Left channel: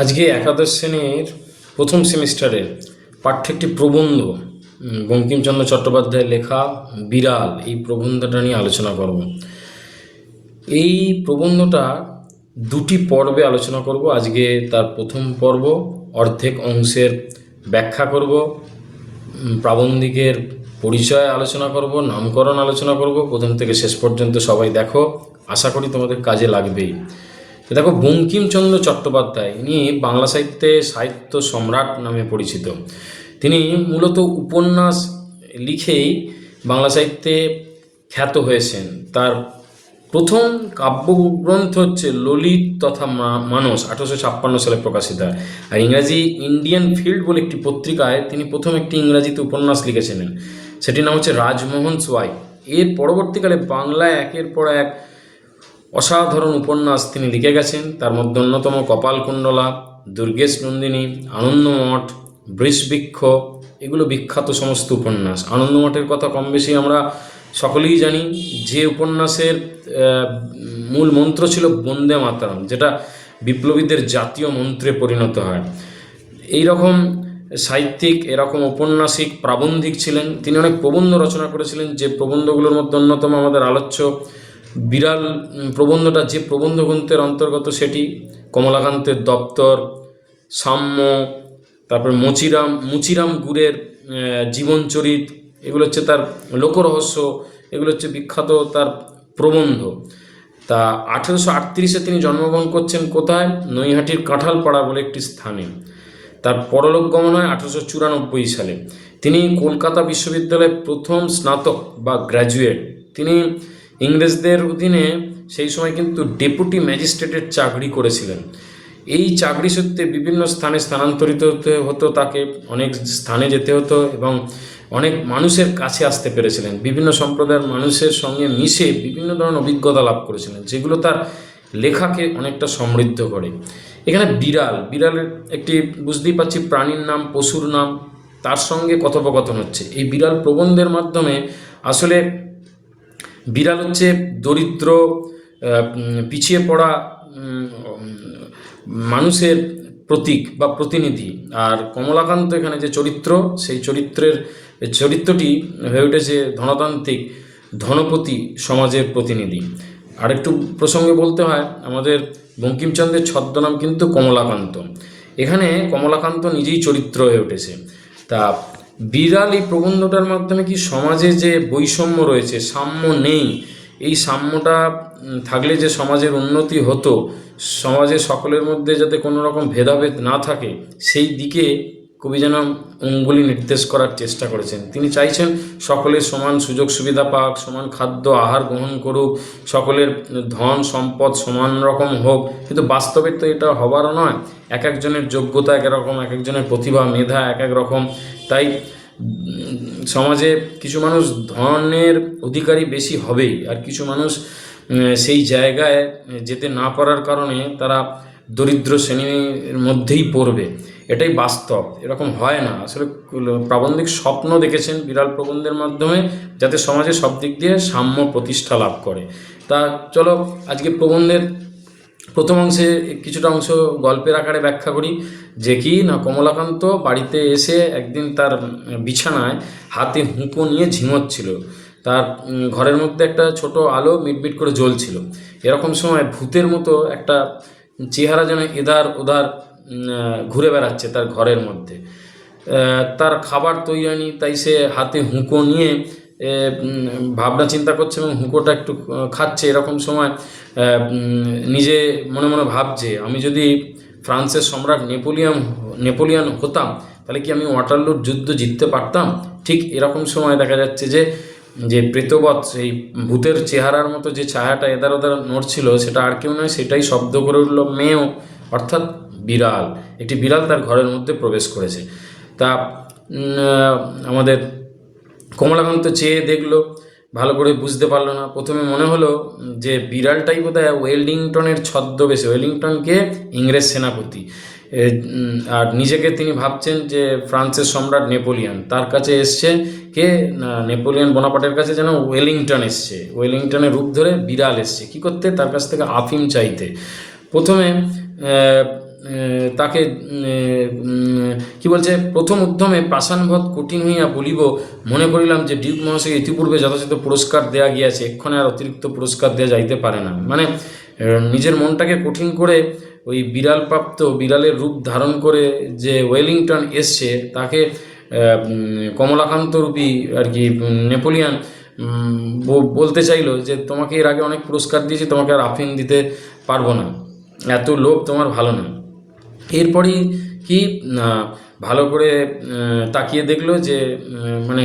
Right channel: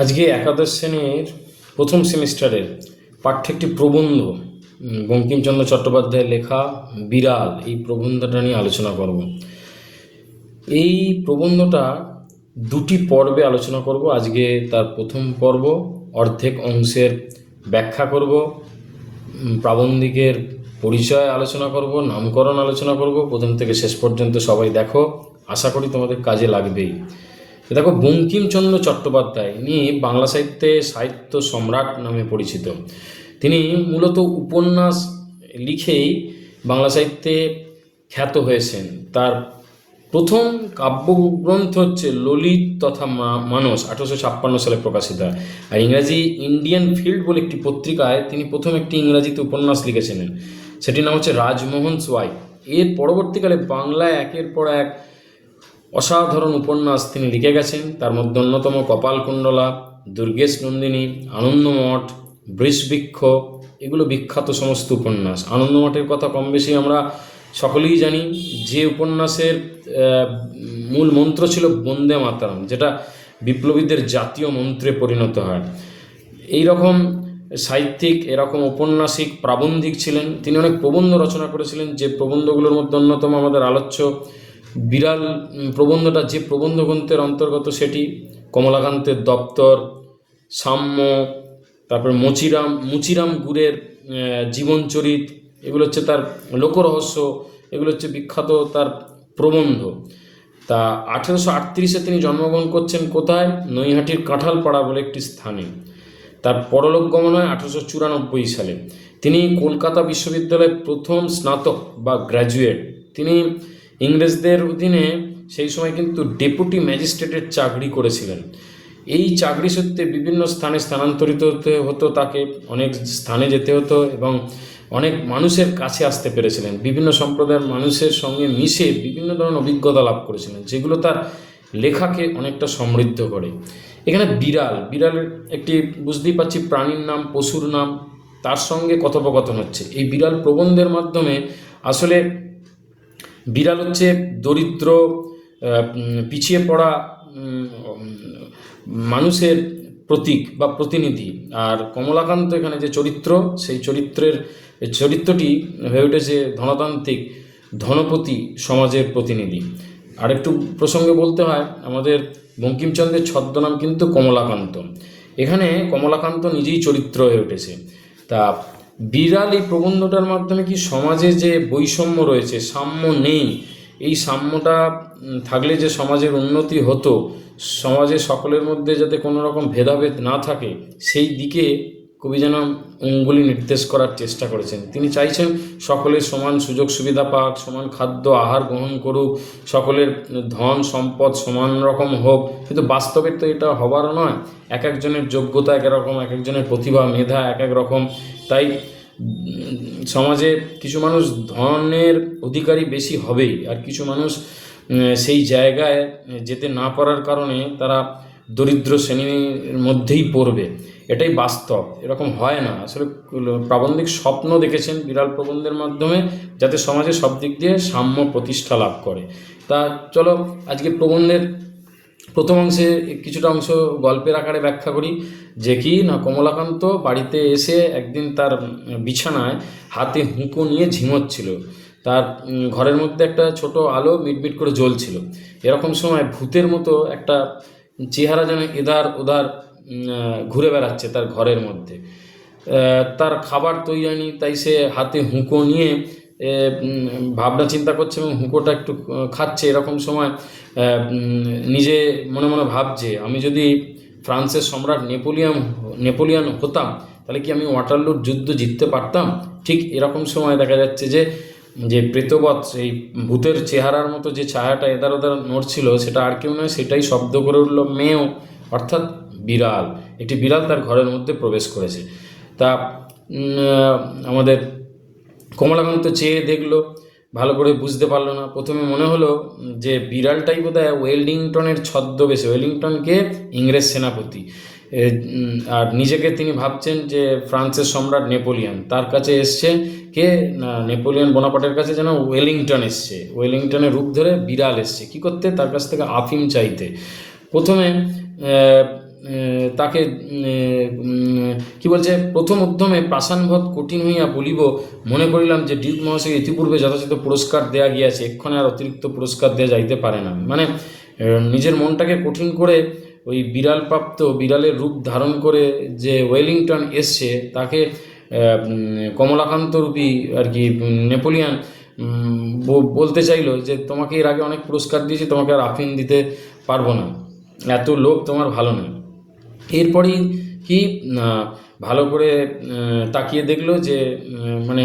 আজকে একাদশ শ্রেণির প্রথম সেমিস্টারের পাঠ্য একটি প্রবন্ধ বঙ্কিমচন্দ্র চট্টোপাধ্যায়ের লেখা বিড়াল, এই প্রবন্ধটা নিয়ে আলোচনা করব। এই প্রবন্ধটা দুটি পর্বে আলোচনা করব। আজকে তার প্রথম পর্ব অর্ধেক অংশের ব্যাখ্যা করব প্রাবন্ধিকের পরিচয় আলোচনা করব, নামকরণ আলোচনা করব। প্রথম থেকে শেষ পর্যন্ত সবাই দেখো। আশা করি তোমাদের কাজে লাগবেই। দেখো, বঙ্কিমচন্দ্র চট্টোপাধ্যায়, ইনি বাংলা সাহিত্যে সাহিত্য সম্রাট নামে পরিচিত। তিনি মূলত উপন্যাস লিখেই বাংলা সাহিত্যে খ্যাত হয়েছেন। তার প্রথম কাব্যগ্রন্থ হচ্ছে ললিত তথা মানস, আঠারোশো ছাপ্পান্ন সালে প্রকাশিত। হয় আর ইংরাজি ইন্ডিয়ান ফিল্ড বলে একটি পত্রিকায় তিনি প্রথম একটি ইংরাজিতে উপন্যাস লিখেছিলেন। সেটির নাম হচ্ছে রাজমোহন সোয়াই। এর পরবর্তীকালে বাংলায় একের পর এক অসাধারণ উপন্যাস তিনি লিখে গেছেন। তার মধ্যে অন্যতম কপালকুণ্ডলা, দুর্গেশ নন্দিনী, আনন্দমঠ, বৃষবৃক্ষ, এগুলো বিখ্যাত সমস্ত উপন্যাস। আনন্দমঠের কথা কম বেশি আমরা সকলেই জানি। যে উপন্যাসের মূল মন্ত্র ছিল বন্দে মাতরম, যেটা বিপ্লবীদের জাতীয় মন্ত্রে পরিণত হয়। এই রকম সাহিত্যিক, এরকম ঔপন্যাসিক প্রাবন্ধিক ছিলেন। তিনি অনেক প্রবন্ধ রচনা করেছিলেন। যে প্রবন্ধগুলোর মধ্যে অন্যতম আমাদের আলোচ্য বিড়াল প্রবন্ধটা যে প্রবন্ধ গ্রন্থের অন্তর্গত সেটি কমলাকান্তের দপ্তর সাম্য তারপর মুচিরাম মুচিরাম আহ, জীবনচরিত এগুলো হচ্ছে তার লোকরহস্য এগুলো হচ্ছে বিখ্যাত তার প্রবন্ধ। তা আঠেরোশো আটত্রিশে তিনি জন্মগ্রহণ করছেন কোথায়? নৈহাটির কাঁঠালপাড়া বলে একটি স্থানে। তার পরলোক গমন হয় আঠারোশো চুরানব্বই সালে। তিনি কলকাতা বিশ্ববিদ্যালয়ের প্রথম স্নাতক বা গ্র্যাজুয়েট। তিনি ইংরেজদের অধীনে সেই সময় কিন্তু ডেপুটি ম্যাজিস্ট্রেটের চাকরি করেছিলেন। এই চাকরি সূত্রে বিভিন্ন স্থানে স্থানান্তরিত হতে হতো তাকে, অনেক স্থানে যেতে হতো এবং অনেক মানুষের কাছে আসতে পেরেছিলেন। বিভিন্ন সম্প্রদায়ের মানুষের সঙ্গে মিশে বিভিন্ন ধরনের অভিজ্ঞতা লাভ করেছিলেন, যেগুলো তার লেখাকে অনেকটা সমৃদ্ধ করে। এখানে বিড়াল, বিড়ালের একটি বুঝতেই পারছি প্রাণীর নাম, পশুর নাম, তার সঙ্গে কথোপকথন হচ্ছে। এই বিড়াল প্রবন্ধের মাধ্যমে আসলে বিড়াল হচ্ছে দরিদ্র পিছিয়ে পড়া মানুষের প্রতীক বা প্রতিনিধি। আর কমলাকান্ত এখানে যে চরিত্র, সেই চরিত্রের, চরিত্রটি হয়ে উঠেছে ধনতান্ত্রিক ধনপতি সমাজের প্রতিনিধি। আরেকটু প্রসঙ্গে বলতে হয়, আমাদের বঙ্কিমচন্দ্রের ছদ্মনাম কিন্তু কমলাকান্ত। এখানে কমলাকান্ত নিজেই চরিত্র হয়ে উঠেছে। তা বিড়াল এই প্রবন্ধটার মাধ্যমে কি সমাজে যে বৈষম্য রয়েছে, সাম্য নেই, এই সাম্যটা থাকলে যে সমাজের উন্নতি হতো, সমাজে সকলের মধ্যে যাতে কোনো রকম ভেদাভেদ না থাকে, সেই দিকে কবি যেন অঙ্গুলি নির্দেশ করার চেষ্টা করেছেন। তিনি চাইছেন সকলের সমান সুযোগ সুবিধা পাক, সমান খাদ্য আহার গ্রহণ করুক, সকলের ধন সম্পদ সমান রকম হোক। কিন্তু বাস্তবে তো এটা হবারও নয়। এক একজনের যোগ্যতা এক রকম, এক একজনের প্রতিভা, মেধা এক এক রকম। তাই সমাজে কিছু মানুষ ধনের অধিকারী বেশি হবেই, আর কিছু মানুষ সেই জায়গায় যেতে না পারার কারণে তারা দরিদ্র শ্রেণির মধ্যেই পড়বে। এটাই বাস্তব, এরকম হয় না। আসলে প্রাবন্ধিক স্বপ্ন দেখেছেন বিড়াল প্রবন্ধের মাধ্যমে, যাতে সমাজে সব দিক দিয়ে সাম্য প্রতিষ্ঠা লাভ করে। তা চলো, আজকে প্রবন্ধের প্রথম অংশে কিছুটা অংশ গল্পের আকারে ব্যাখ্যা করি। যে কি না, কমলাকান্ত বাড়িতে এসে একদিন তার বিছানায় হাতে হুঁকো নিয়ে ঝিমোচ্ছিল। তার ঘরের মধ্যে একটা ছোট আলো মিটমিট করে জ্বলছিল। এরকম সময় ভূতের মতো একটা চেহারা যেন এধার ওধার ঘুরে বেড়াচ্ছে তার ঘরের মধ্যে। তার খাবার তৈরি হয়নি, তাই সে হাতে হুঁকো নিয়ে ভাবনা চিন্তা করছে এবং হুঁকোটা একটু খাচ্ছে। এরকম সময় নিজে মনে মনে ভাবছে আমি যদি ফ্রান্সের সম্রাট নেপোলিয়ান নেপোলিয়ান হতাম, তাহলে কি আমি ওয়াটারলুর যুদ্ধ জিততে পারতাম? ঠিক এরকম সময় দেখা যাচ্ছে যে যে প্রেতবৎ সেই ভূতের চেহারার মতো যে ছায়াটা এদার ওদার নড়ছিল, সেটা আর কেউ নয়, সেটাই শব্দ করে উঠল মেয়েও অর্থাৎ বিড়াল। একটি বিড়াল তার ঘরের মধ্যে প্রবেশ করেছে। তা আমাদের কমলাকান্ত চেয়ে দেখল ভালো করে বুঝতে পারল না। প্রথমে মনে হলো যে বিড়ালটাই বোধ হয় ওয়েলিংটনের ছদ্মবেশে, ওয়েলিংটনকে ইংরেজ সেনাপতি। আর নিজেকে তিনি ভাবছেন যে ফ্রান্সের সম্রাট নেপোলিয়ন। তার কাছে এসছে কে? নেপোলিয়ন বোনাপাটের কাছে যেন ওয়েলিংটন এসছে। ওয়েলিংটনের রূপ ধরে বিড়াল এসছে। কি করতে? তার কাছ থেকে আফিম চাইতে। প্রথমে তাকে কি বলছে, প্রথম উদ্যমে পাষাণভদ কঠিন হইয়া বলিব। মনে করিলাম যে ডিউক মহাশয় ইতিপূর্বে যথাযথ পুরস্কার দেয়া গিয়াছে, এক্ষণে আর অতিরিক্ত পুরস্কার দেওয়া যাইতে পারে না। মানে নিজের মনটাকে কঠিন করে ওই বিড়াল প্রাপ্ত বিড়ালের রূপ ধারণ করে যে ওয়েলিংটন এসছে, তাকে কমলাকান্ত রূপী আর কি নেপোলিয়ান বলতে চাইলো যে তোমাকে এর আগে অনেক পুরস্কার দিয়েছি, তোমাকে আর আফিন দিতে পারব না। এত লোভ তোমার ভালো না এরপরেই কি ভালো করে তাকিয়ে দেখল যে মানে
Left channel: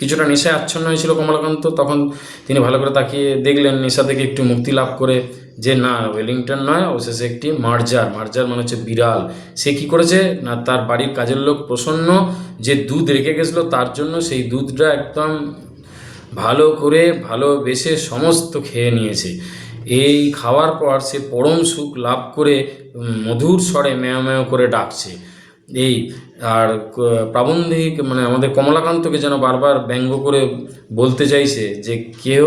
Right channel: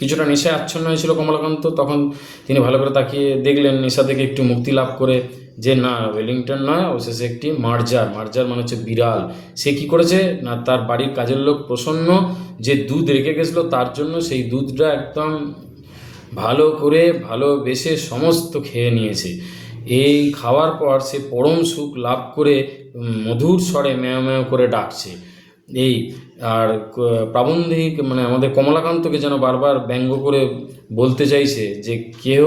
কিছুটা নেশায় আচ্ছন্ন হয়েছিল কমলাকান্ত, তখন তিনি ভালো করে তাকিয়ে দেখলেন, নেশা থেকে একটু মুক্তি লাভ করে যে, না, ওয়েলিংটন নয়, অবশেষে একটি মার্জার মার্জার মানে হচ্ছে বিড়াল। সে কি করেছে? না, তার বাড়ির কাজের লোক প্রসন্ন যে দুধ রেখে গেছিল, তার জন্য সেই দুধটা একদম ভালো করে ভালোবেসে সমস্ত খেয়ে নিয়েছে। এই খাওয়ার পর সে পরম সুখ লাভ করে মধুর স্বরে ম্যাও ম্যাও করে ডাকছে। এই, আর প্রাবন্ধিক মানে আমাদের কমলাকান্তকে যেন বারবার ব্যঙ্গ করে বলতে চাইছে যে, কেহ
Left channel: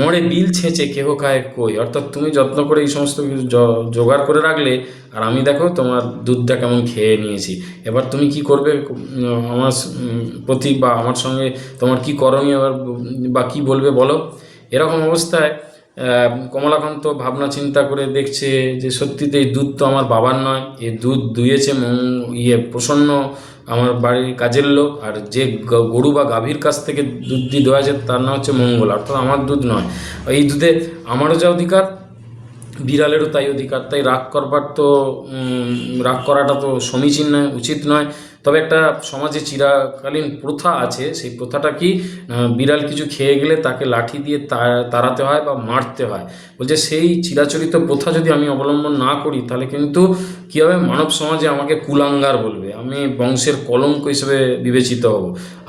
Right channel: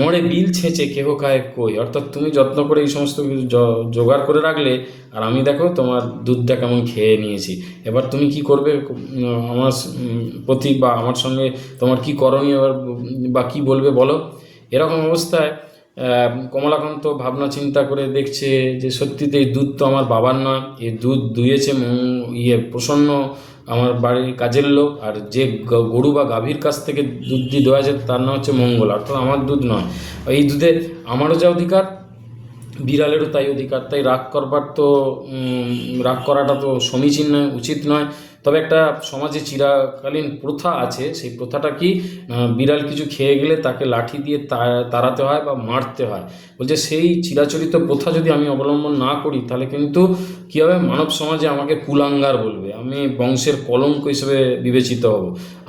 মরে বিল ছেঁচে কেহ খায় কই? অর্থাৎ তুমি যত্ন করে এই সমস্ত কিছু জোগাড় করে রাখলে, আর আমি দেখো তোমার দুধটা কেমন খেয়ে নিয়েছি। এবার তুমি কি করবে? আমার প্রতি বা আমার সঙ্গে তোমার কি করণীয়? বা কি বলবে বলো? এরকম অবস্থায় কমলাকান্ত ভাবনা চিন্তা করে দেখছে যে সত্যিতে এই দুধ তো আমার বাবার নয়। এই দুধ দুয়েছে ইয়ে প্রসন্ন আমার বাড়ির কাজের লোক। আর যে গরু বা গাভীর কাছ থেকে দুধ দিয়ে দেওয়া আছে তার নাম হচ্ছে মঙ্গল। অর্থাৎ আমার দুধ নয়। এই দুধে আমারও যা অধিকার, বিড়ালেরও তাই অধিকার। তাই রাগ করবার তো রাগ করাটা তো সমীচীন নয়, উচিত নয়। তবে একটা সমাজে চিরাকালীন প্রথা আছে, সেই প্রথাটা কি বিড়াল কিছু খেয়ে গেলে তাকে লাঠি দিয়ে তাড়াতে হয় বা মারতে হয়? বলছে, সেই চিরাচরিত প্রথা যদি আমি অবলম্বন না করি, তাহলে কিন্তু কী হবে? মানব সমাজে আমাকে কুলাঙ্গার বলবে। আমি বংশের কলঙ্ক হিসেবে বিবেচিত হব।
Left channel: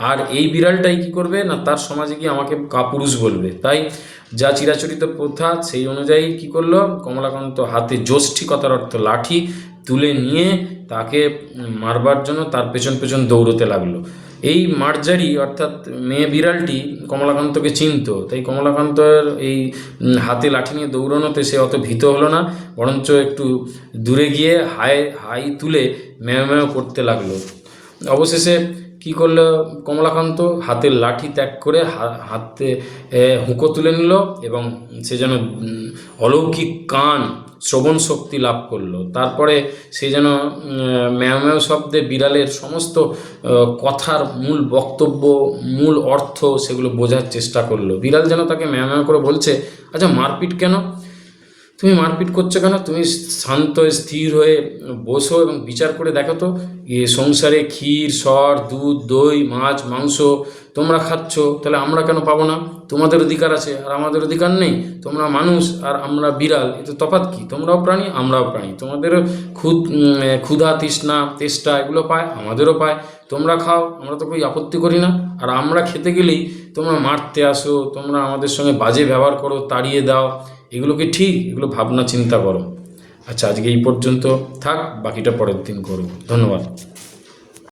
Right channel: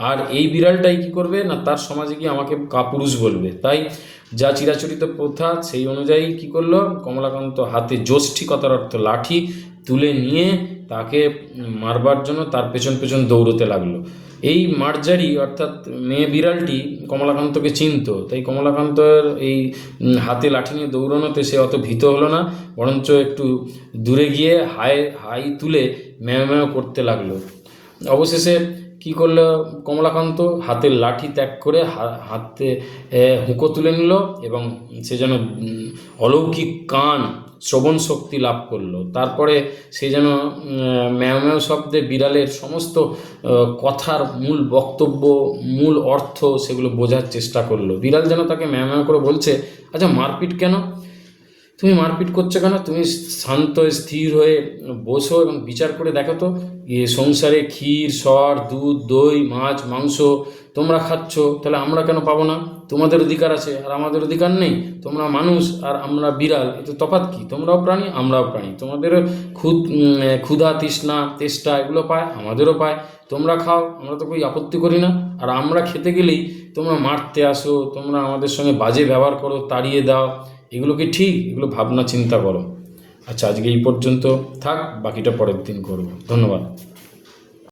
আর এই বিড়ালটাই কি করবে? না, তার সমাজে গিয়ে আমাকে কাপুরুষ বলবে। তাই যা চিরাচরিত প্রথা, সেই অনুযায়ী কি করল? কমলাকান্ত হাতে যষ্ঠিকতার অর্থ লাঠি তুলে নিয়ে তাকে মারবার জন্য তার পেছন পেছন দৌড়তে লাগল। এই মার্জারি অর্থাৎ মেয়ে বিড়ালটি কমলাকান্তকে চিনতো। তাই কমলাকান্তের এই হাতে লাঠি নিয়ে দৌড়ানোতে সে অত ভীত হলো না, বরঞ্চ একটু দূরে গিয়ে হাই হাই তুলে ম্যাও ম্যাও করতে লাগল। অবশেষে কি করল কমলাকান্ত? হাতের লাঠি ত্যাগ করে হাতে হুঁকো তুলে নিল এবং সে যেন অলৌকিক কান শ্রবণ শক্তি লাভ করল। তারপরে সে যেন ম্যাও ম্যাও শব্দে বিড়ালের সমস্ত কথার মূল বক্তব্য, মূল অর্থ সেগুলো বোঝার চেষ্টা করল। বিড়াল যেন তাকে ম্যাও ম্যাও করে বলছে আচ্ছা মারপিট কেন? তুমি মারপিট করছ কেন? তুমি শান্ত, স্থির হয়ে বসো এবং বিচার করে দেখো তো, এ সংসারে ক্ষীর, সর, দুধ, দই, মাছ, মাংস তোমরা খাচ্ছ, তাহলে আমরা কেন পাবো না? তোমাদের অধিকার আছে আর আমাদের অধিকার নেই। তোমরা মানুষ আর আমরা বিড়াল এতে তফাৎ কি? তোমরাও প্রাণী, আমরাও প্রাণী। তোমাদের ক্ষুদ ক্ষুধা, তৃষ্ণা, তেষ্টা, এগুলো পায়, আমাদেরও পায়। তোমরা খাও, আমরা তো કોઈ আপত্তি করি না। আর আমরা খেতে গেলেই তোমরা মারতে আসো, তোমরা আমাদের সঙ্গে বাজে ব্যবহার করো, তাড়িয়ে দাও। এগুলো কি ঠিক, এগুলো ভাবনা, চিন্তা করো। আচ্ছা আজকে এই পর্যন্ত থাক, বাকিটা পরের দিন করব। ধন্যবাদ।